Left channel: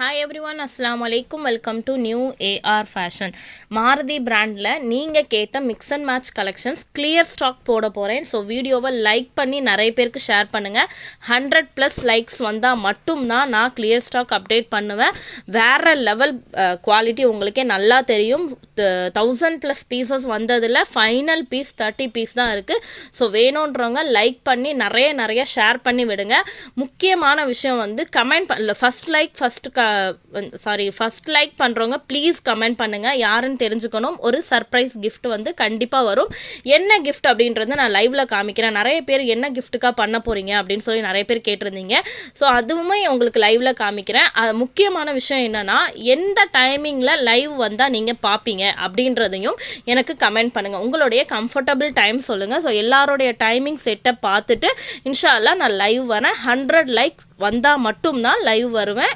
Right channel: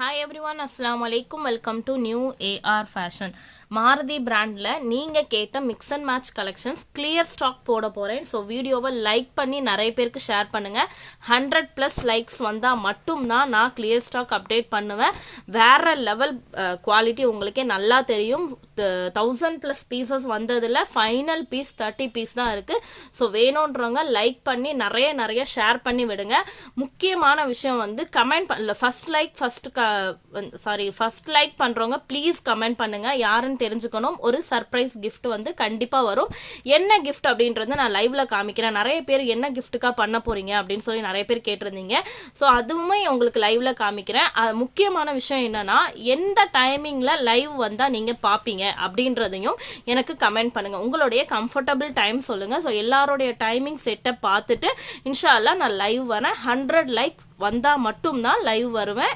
Hi everyone, அஸ்ஸலாமு அலைக்கும். Welcome to new AR fashion. Maruti பிராண்டில் நீங்கள் கேட்ட mix and match collections clear stock போட போகிறேன். ஸோ வீடியோவை லைக் பண்ணி நிறைய பேருக்கு ஷேர் பண்ணுங்கள். 100+ லைக்ஸ் வந்தால் மட்டும்தான் நான் கிளியர் ஸ்டாக் அப்டேட் பண்ணுவேன். வேறு லெவல் குவாலிட்டி உங்களுக்கே நல்லா தெரியும். 1000+ பீசஸ் வந்ததில் ஃபைனல் பீஸ் 30 பீஸ் தான் இருக்குது. ஸோ வேணுன்றவங்க லைக் பண்ணி நிறைய ஷேர் பண்ணி விடுங்க. முக்கியமான விஷயம் வந்து கமெண்ட் பண்ணல. ஃபர்ஸ்ட் லைக் பண்றவங்க ப்ளீஸ் கமெண்ட் பண்ணுங்க. யாருன்னு தெரிஞ்சுக்கணும். ஒரு சர்ப்ரைஸ் கிஃப்ட் வந்து கண்டிப்பா வரும். என்ன கிஃப்ட் அப்படின்றத நான் லைவ்ல காமிக்கிறேன். நிறைய பேர் என்ன கிஃப்ட்டுக்கா பண்ண போறீங்க அப்படின்னு சொல்லி நிறைய பேர் கேட்டிருந்தீங்க. ஸோ அதுவுமே உங்களுக்கு லைவ்ல காமிக்கிறேன். முக்கியமான விஷயம் என்னன்னா, எந்த டைமிங்ல லைவ் வந்தா நீங்க பாப்பீங்க அப்படின்றதையும் எனக்கு கமெண்ட் பண்ணுங்க. உங்களுடைய கம்ஃபர்டபுள் டைம் சொல்லுங்க. ஸோ எல்லாருடைய டைமிங் செட்டை பார்த்துட்டு இன்ஷா அல்லாஹ் நான் லைவ் வரேன். 100 லைக் வந்தா மட்டும்தான் லைவ் வருவேன்.